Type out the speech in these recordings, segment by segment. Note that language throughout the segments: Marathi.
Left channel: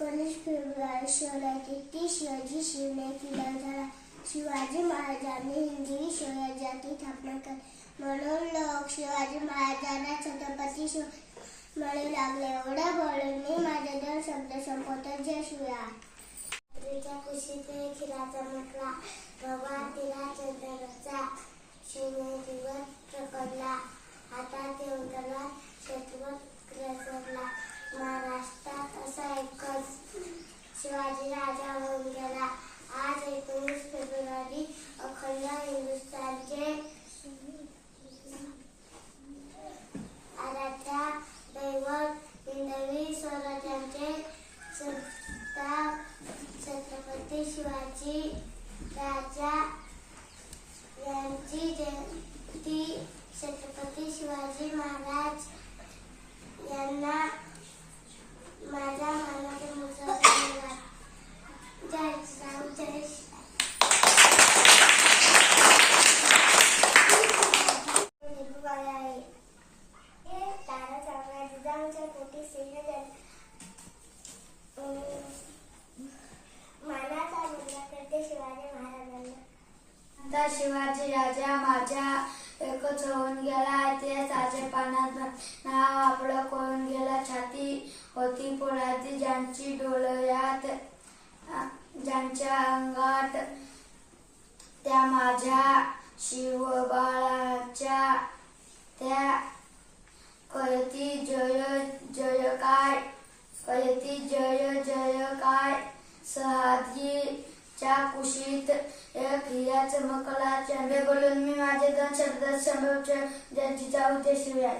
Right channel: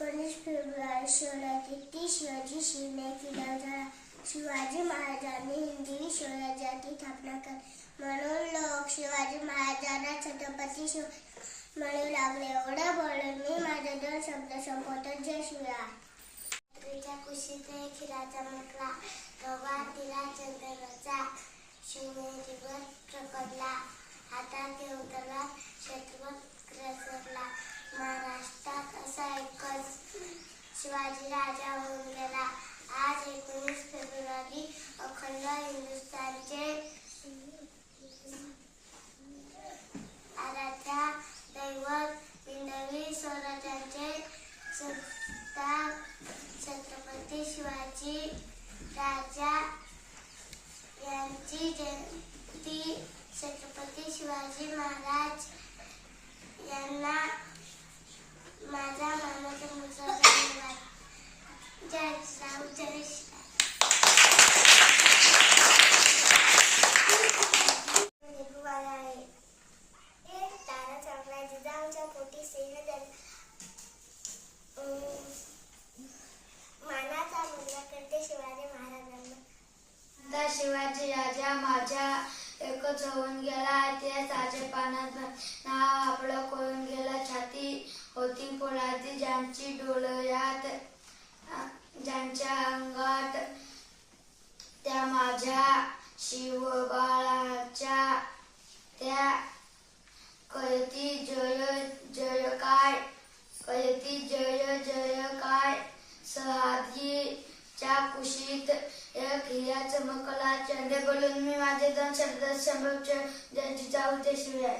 19 फेब्रुवारी 1633 रोजी शिवने किल्ला झाला. शिवाजी महाराजांनी हिंदवी स्वराज्याची स्थापना केली. म्हणून लोक शिवाजी महाराजांना छत्रपती शिवाजी म्हणू लागले. एवढं बोलून मी माझे 2 शब्द संपवतो. जय शिवराय. रात्रीच्या कुशीत खिरा चमकला, भगवान तिला चंद्राचा शिवनेरीवर प्रकटला. हातात घेऊन त्याला शत्रुवत ग्रसरला. महाराष्ट्रात असा एकच शिवाजी राजा होऊन गेला. आज 19 फेब्रुवारी अखंड हिंदुस्थानचे आराध्य दैवत हिंदवी स्वराज्याचे संस्थापक छत्रपती शिवाजी राजा यांची जयंती. छत्रपती शिवाजी महाराज यांना माझा मानाचा मुजरा धन्यवाद. जय श्रीराम. जय श्रीराम. तारा चांगला जिजाऊच्या पोटी सिंह मानाचा मुजरा करते शिवाजी महाराजांना. शिवाजी राजा माझ्या एकच होऊन गेला. ते साचे पानात नाव आपलं कोण गेला. छाती होती पोळाती ज्यांची डोळ्यात ज्यांच्या अंगात त्या माझ्या शिवबाळाच्या त्या कळती जय जय काय कळती जय जय काय. सहादीच्या कुशीत एक हिरा चमकला. चंडे बोलून मी माझे 2 शब्द संभवचे. जिजाऊ. जय शिवराय.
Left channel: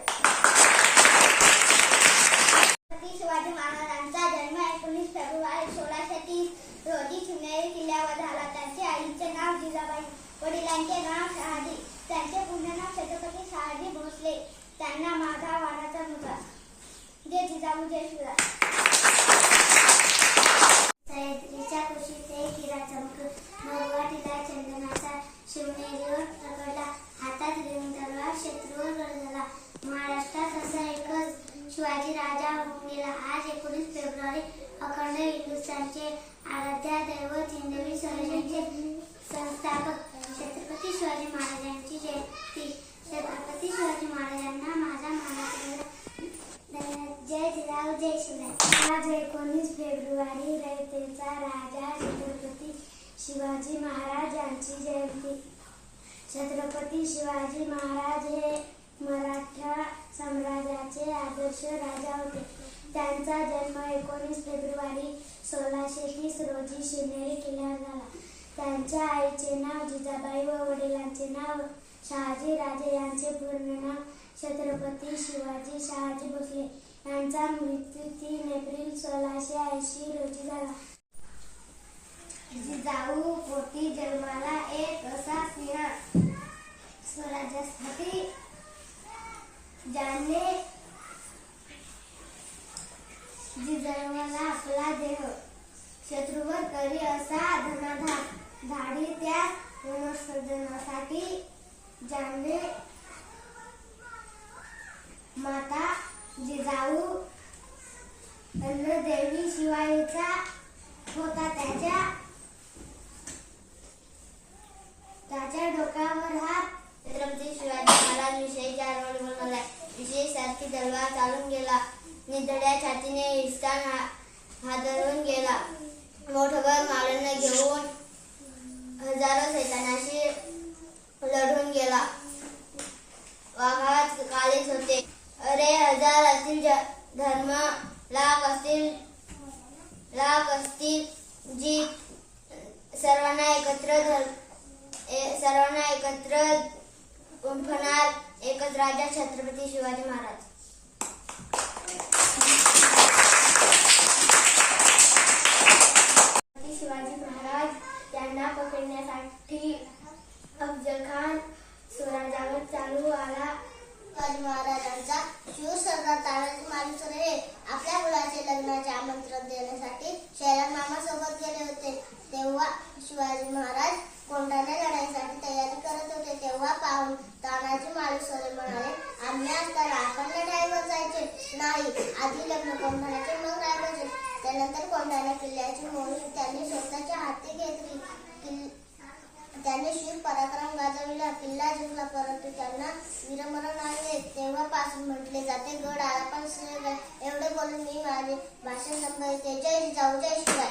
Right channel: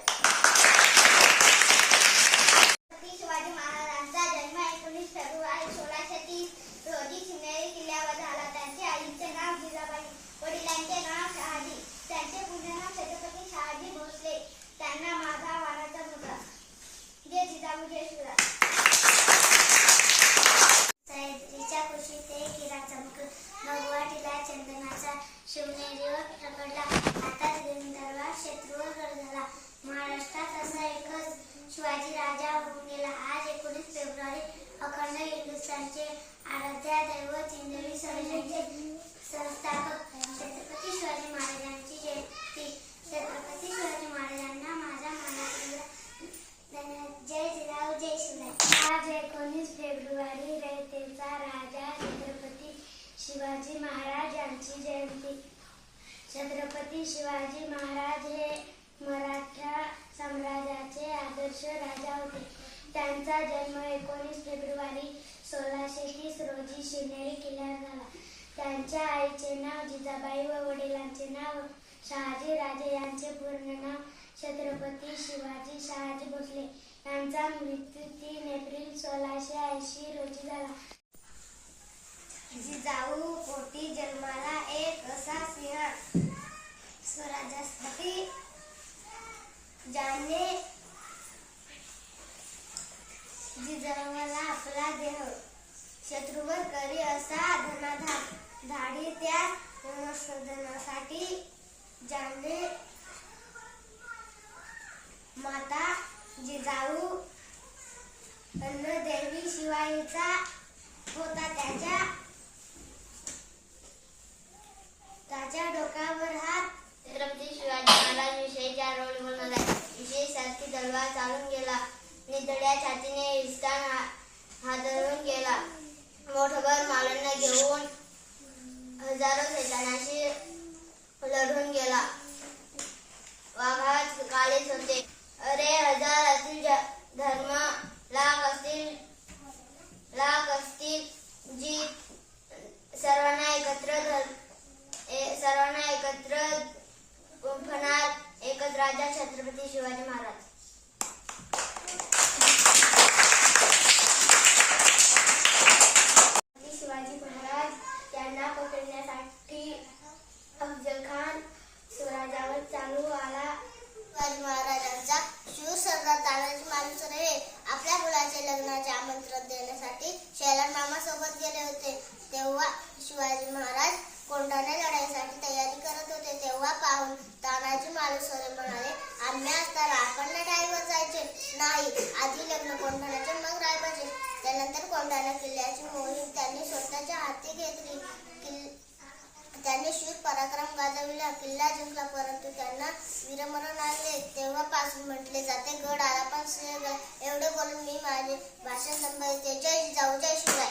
शिवाजी महाराजांचा जन्म 19 फेब्रुवारी 1630 रोजी शिवनेरी किल्ल्यावर झाला. त्यांचे आईचे नाव जिजाबाई, वडिलांचे नाव शहाजी. त्यांचे पूर्ण नाव छत्रपती शहाजी भोसले. त्यांना माझा वाणाचा मुलगा. जय जिजाऊ. जय शिवराय. सह्याद्रीच्या कुशीत हिरा चमकला, भगवाटीला चंदनाचा शिवनेरीवर प्रकटला. हातात घेऊन तलवार शत्रूवर गरजला. महाराष्ट्रात असा एकच शिवाजी राजा होऊन गेला. आज 19 फेब्रुवारी अखंड हिंदुस्थानचे आराध्य दैवत हिंदवी स्वराज्याचे संस्थापक छत्रपती शिवाजी महाराजांची जयंती. छत्रपती शिवाजी महाराजांना माझा मानाचा मुजरा. जय जिजाऊ. जय शिवराय. आज 19 फेब्रुवारी रयतेचा राजा छत्रपती शिवाजी महाराज यांची जयंती. छत्रपती शिवाजी महाराज हे मराठा साम्राज्याचे आदर्श राजा होते. त्यांचा जन्म 19 फेब्रुवारी 1630 रोजी शिवनेरी किल्ल्यावर झाला. त्यांच्या आईचे नाव जिजाबाई व वडिलांचे नाव शहाजी राजे. यांचे पूर्ण नाव छत्रपती शिवाजी शहाजी भोसले. यांचा मृत्यू 3 एप्रिल 1680 रोजी झाला. जिजाऊ पोटी जन्माला एक असा सिंह स्वराज्यासाठी ज्याने जिजाऊला आपला देह शत्रूवर करी असा धनाधार धाडी. त्या संवर्धनासाठी ज्याने माता जिजाऊ अन्नदेवी शिवाईचा होता. त्याच्या डोक्यावर हात. छत्रपती शिवाजी महाराज विषयीच्या रोल बोलणार आहे. विषयी सारखी तलवार चालून गेला. निधड्या छातीने हिस्तान हादरून गेला. मोठभर मालांना घेऊन हजारो सैतानाशी लढून गेला. वाघात काळीच होते. अरे हजार असतील धर्म लाख असतील जी सर्वांना एकत्र गुंफणार एकच राजा छत्रपती शिवाजी महाराज. शिवाजी महाराज यांना पकडण्यासाठी अफजल खान स्वराज्यावर चालू आला. शिवाजी महाराजांचा शूर सरदार तानाजी मालुसरे आपल्या मुलाचे लग्नाचे आमंत्रण देण्यासाठी शैलान मामा सोबत गेले होते. तेव्हा शिवाजी महाराज कोंढाणा लढाईसाठी तयारी करत होते. तेव्हा पाहून तानाजी मालुसरे म्हणाले, आम्ही असताना आपण लढाईवर करायचे नाही. आधी लग्न कोंढाण्याचे मग रायबाचे. त्यानंतर कोंढाणा किल्ल्याची मोहीम त्यांनी स्वतःच्या हाती घेतली. त्यांनी शूर पराक्रम गाजविला, किल्ला जिंकला, परंतु त्यांना वीरमरण आले. तेव्हापासून म्हटले जाते गड आला पण सिंह गेला. एवढे बोलून मी माझे भाषण संपवते. जय जिजाऊ, जय शिवराय.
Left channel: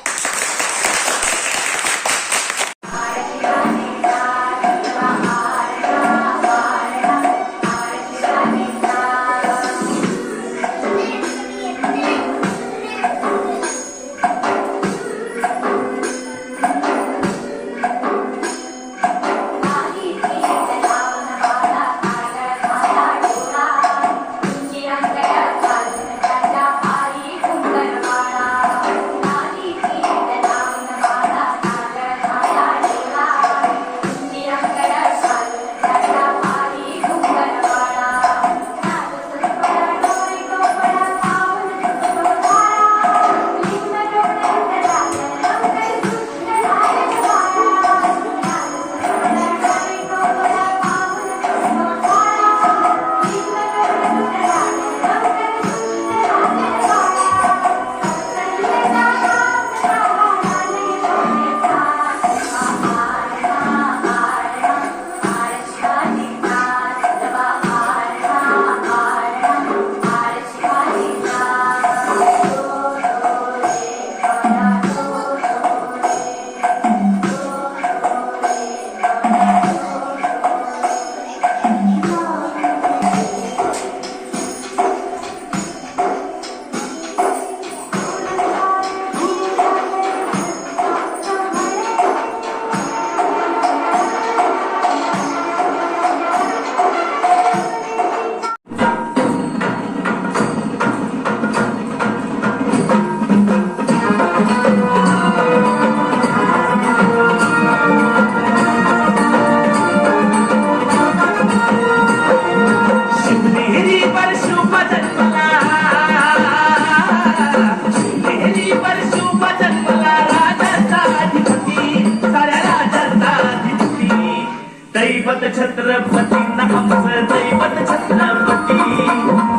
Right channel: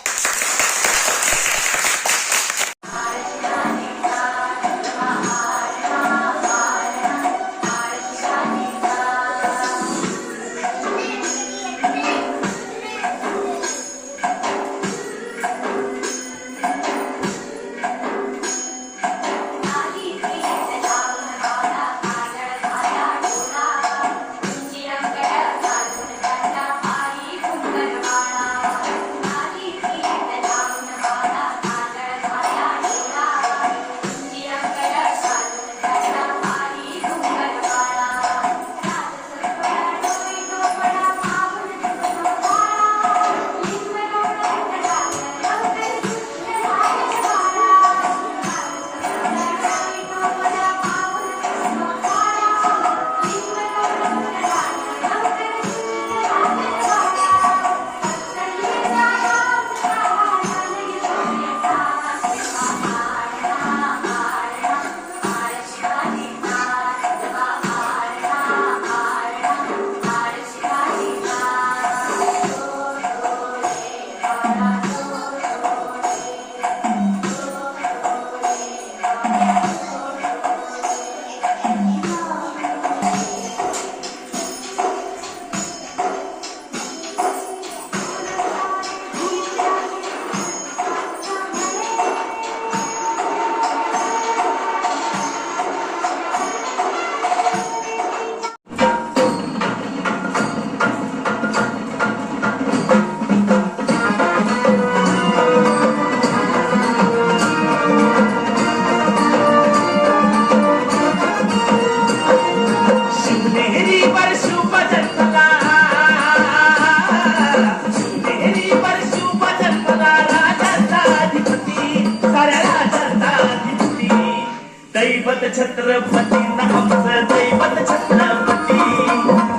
दैवत छत्रपती आमचं दैवत छत्रपती,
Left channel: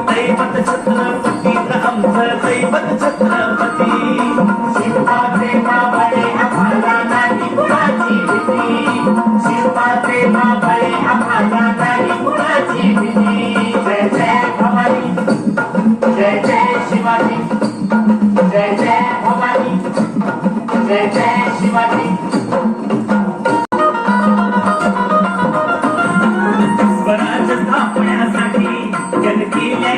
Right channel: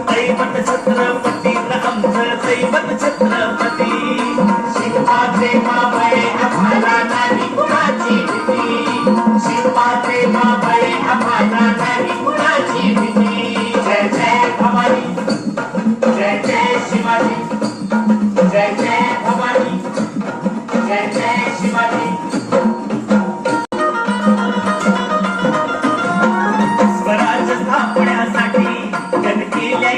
दैवत छत्रपती आमचं दैवत छत्रपती. शिवाचे मावळे आम्हाला नाही कुणाची भीती, शिवाचे मावळे आम्हाला नाही कुणाची भीती. जय जय भवानी, जय जय शिवाजी, जय जय भवानी, जय जय शिवाजी. स्वराज स्थापण्यासाठी जन केल्या